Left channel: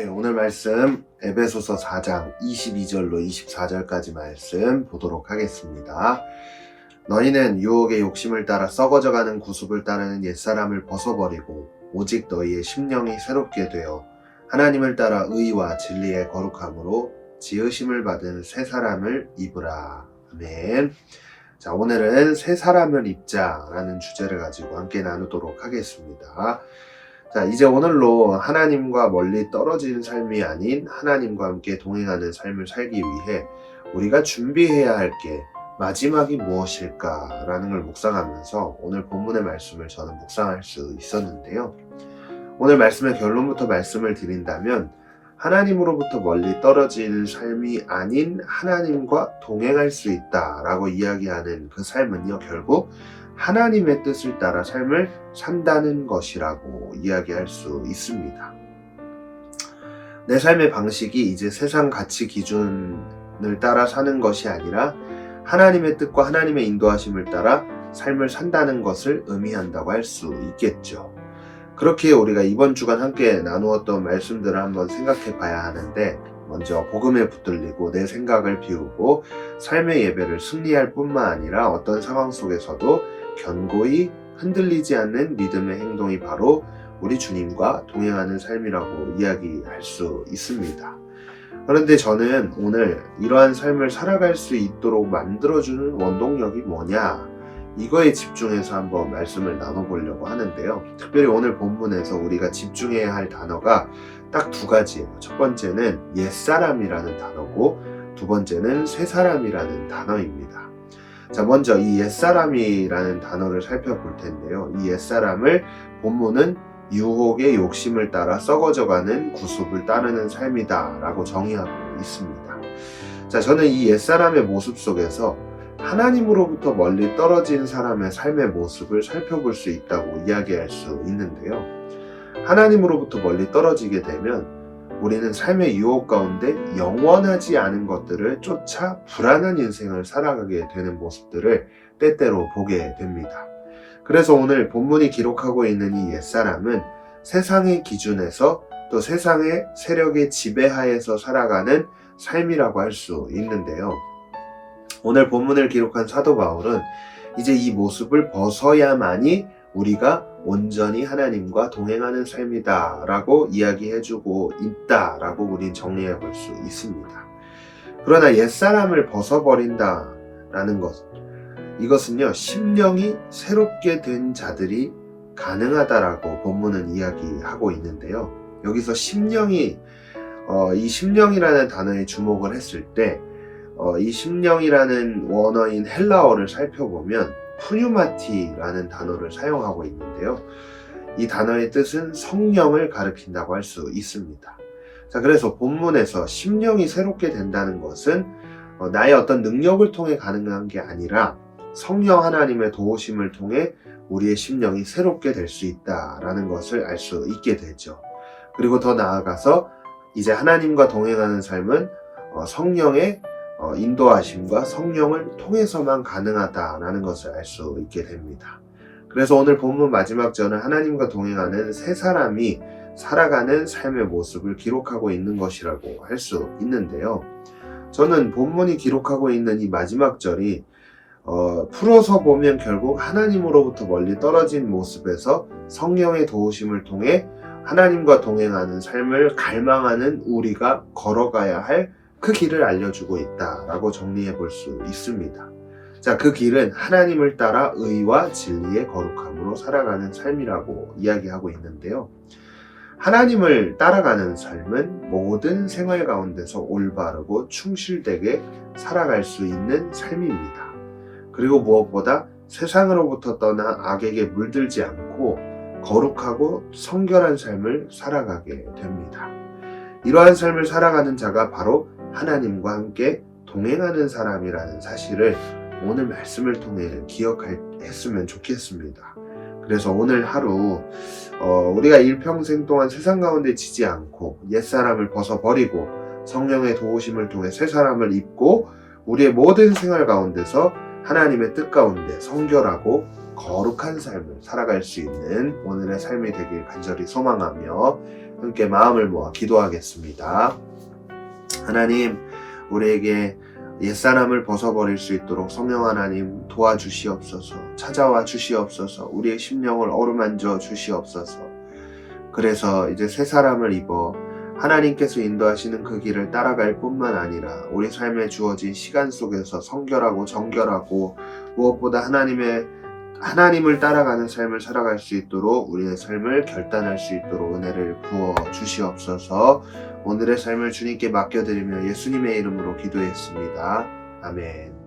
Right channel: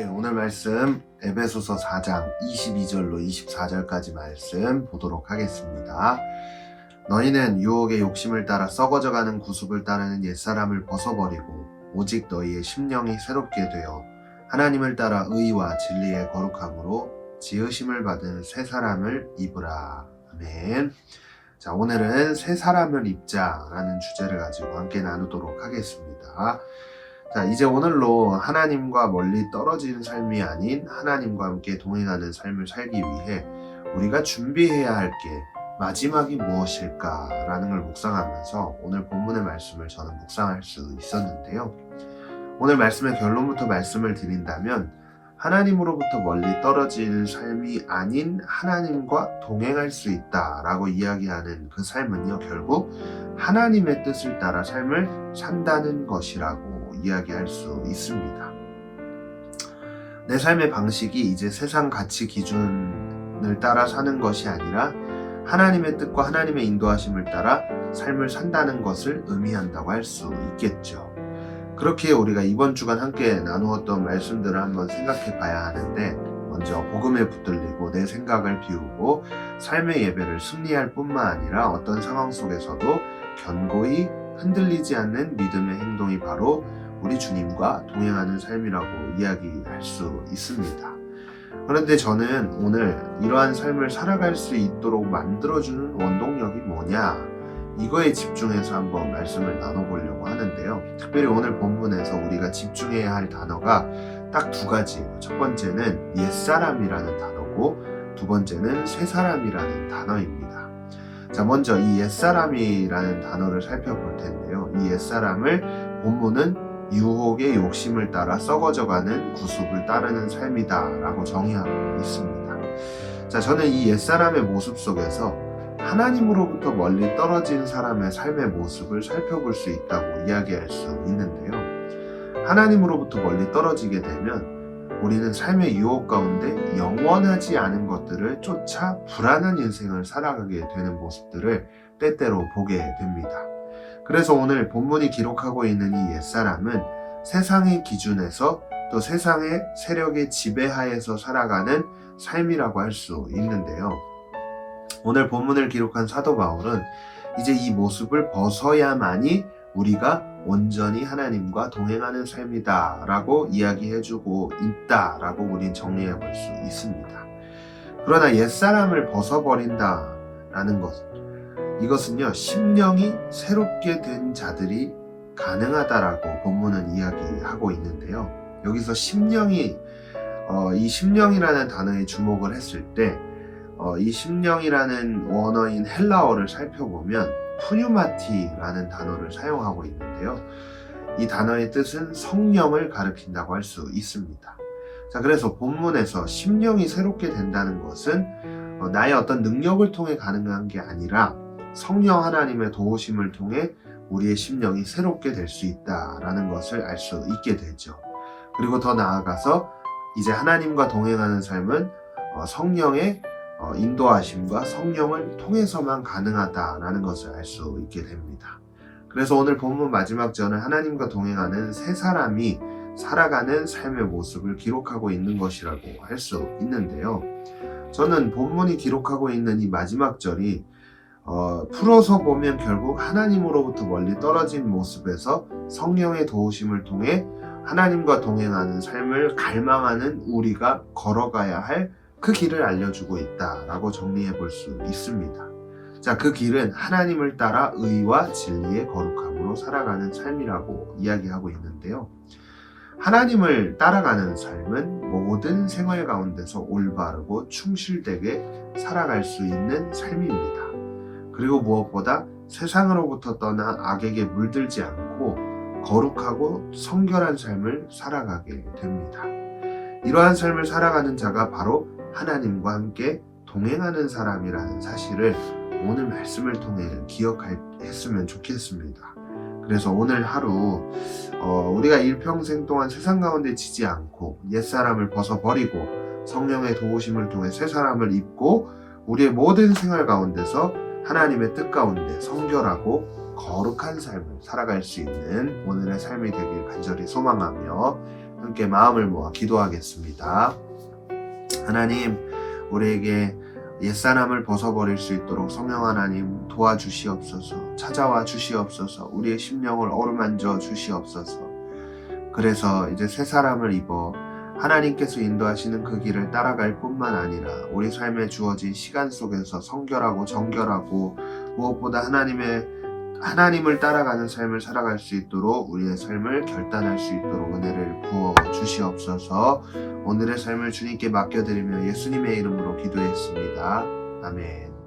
네, 오늘 말씀 에베소서 4장 22절로 24절까지 말씀 보도록 하겠습니다. 너희는 유혹의 욕심을 따라 썩어져가는 구습을 따르는 옛사람을 벗어버리고 오직 너희의 심령이 새롭게 되어 하나님을 따라 의와 진리의 거룩함으로 지으심을 받은 새 사람을 입으라. 아멘. 자, 오늘은 새 사람을 입자라는 주제를 가지고 함께 나누도록 하겠습니다. 자, 이제 오늘로 하나님과 멀리 떨어진 삶이 아닌 하나님과 함께 동행하는 삶을 살기 위해 우리가 준비해야 할 게 마지막이 무엇일까라는 걸 묵상하면서 오늘 본문의 말씀을 저는 묵상할 수 있었는데요. 오늘 말씀의 결론부터 말씀을 드린다면 하나님으로부터 멀리 떨어진 삶이 아닌 하나님과 동행할 수 있다라고 이야기하는 그 삶은요, 결국 하나님의 뜻을 따라 삶을 산다는 것이라고 이야기할 수 있습니다. 내 삶의 방식이 이제 세상 가치 기준을 따라 사는 것이 아니라 하나님의 뜻과 하나님의 인도하심을 따라 삶을 산다는 것을 의미한다고 할 수 있겠죠. 그렇게 우리가 이번 주간 함께 나누었던 말씀들을 한번 생각해 봐야 하는데, 먼저 복음에 붙들리고 내 생각을 비우고 삶의 예배를 승리할 뿐만 아니라 어떤 상황 속에서도 견고히 흔들리지 않는 믿음의 행동이 바로 우리 주님과 동행하는 삶이라고 이야기할 수 있습니다. 그런데 저는 오늘 이러한 삶을 살아갈 수 있도록 만들어주는 원동력이 뭐냐, 이거에 집중해서 한번 말씀을 나눠보려고 하는데요. 특별히 오늘 본문에서 우리가 집중해야 할 단어가 딱 두 가지예요. 첫 번째는 옛사람이라는 단어고 두 번째는 새사람이라는 단어입니다. 자, 먼저 이 옛사람이라는 단어를 살펴볼 텐데요. 이 옛사람을 본문은 유혹의 욕심을 따라 썩어져가는 구습을 따르는 삶이다 라고 정의하고 있습니다. 자, 저는 이 옛사람의 모습 속에서 하나님으로부터 멀리 떨어진 사람의 삶의 모습을 살펴볼 수 있다고 이야기할 수 있는데요. 하나님으로부터 멀리 떨어지게 되면 우리는 삶의 유혹 가운데 영원하지 않은 것들을 쫓아 불안한 인생을 살아가게 되는 모습들을 때때로 보게 됩니다. 그래서 오늘 본문이 기록하고 있는 이 옛사람은 세상의 기준에서 또 세상의 세력의 지배하에서 살아가는 삶이라고 할 수 있는데요. 오늘 본문을 기록한 사도 바울은 이제 이 모습을 벗어야만이 우리가 온전히 하나님과 동행하는 삶이다 라고 이야기해주고 있다라고 우린 정리해 볼 수 있습니다. 그러나 옛사람을 벗어버린다 라는 것, 이것은요, 심령이 새롭게 된 자들이 가능하다라고 본문은 이야기하고 있는데요. 여기서 심령이 이 심령이라는 단어에 주목을 했을 때 이 심령이라는 원어인 헬라어를 살펴보면 푸뉴마티라는 단어를 사용하고 있는데요. 이 단어의 뜻은 성령을 가리킨다고 할 수 있습니다. 자, 그래서 본문에서 심령이 새롭게 된다는 것은 나의 어떤 능력을 통해 가능한 게 아니라 성령 하나님의 도우심을 통해 우리의 심령이 새롭게 될 수 있다라는 것을 알 수 있게 되죠. 그리고 더 나아가서 이제 하나님과 동행하는 삶은 성령의 인도하심과 성령을 통해서만 가능하다라는 것을 알 수 있게 됩니다. 그래서 오늘 본문 마지막 절은 하나님과 동행하는 새 사람이 살아가는 삶의 모습을 기록하고 있는 것이라고 할 수 있는데요. 저는 본문이 기록하고 있는 이 마지막 절이 풀어서 보면 결국 하나님으로부터 멀리 떨어진 모습에서 성령의 도우심을 통해 하나님과 동행하는 삶을 갈망하는 우리가 걸어가야 할 그 길을 알려주고 있다라고 정리해 볼 수 있습니다. 자, 그 길은 하나님을 따라 의와 진리의 거룩함으로 살아가는 삶이라고 이야기하고 있는데요. 하나님을 따라가는 삶은 모든 생활 가운데서 올바르고 충실되게 살아갈 수 있는 삶입니다. 그리고 무엇보다 세상으로부터 떠나 악에게 물들지 않고 거룩하고 성결한 삶을 살아가게 됩니다. 이러한 삶을 살아가는 자가 바로 하나님과 함께 동행하는 사람이라는 사실을 오늘 말씀을 통해 기억했으면 좋겠습니다. 그래서 오늘 하루 우리가 일평생 동안 세상 가운데 지지 않고 옛사람을 벗어버리고 성령의 도우심을 통해 새 사람을 입고 우리의 모든 생활 가운데서 하나님의 뜻 가운데 성결하고 거룩한 삶을 살아갈 수 있는 오늘의 삶이 되길 간절히 소망하며 함께 마음을 모아 기도하겠습니다. 하나님, 우리에게 옛사람을 벗어버릴 수 있도록 성령 하나님 도와주시옵소서. 찾아와 주시옵소서. 우리의 심령을 어루만져 주시옵소서. 그래서 이제 새 사람을 입어 하나님께서 인도하시는 그 길을 따라갈 뿐만 아니라 우리 삶에 주어진 시간 속에서 성결하고 정결하고 무엇보다 하나님을 따라가는 삶을 살아갈 수 있도록 우리의 삶을 결단할 수 있도록 은혜를 부어 주시옵소서. 오늘의 삶을 주님께 맡겨드리며 예수님의 이름으로 기도했습니다. 아멘.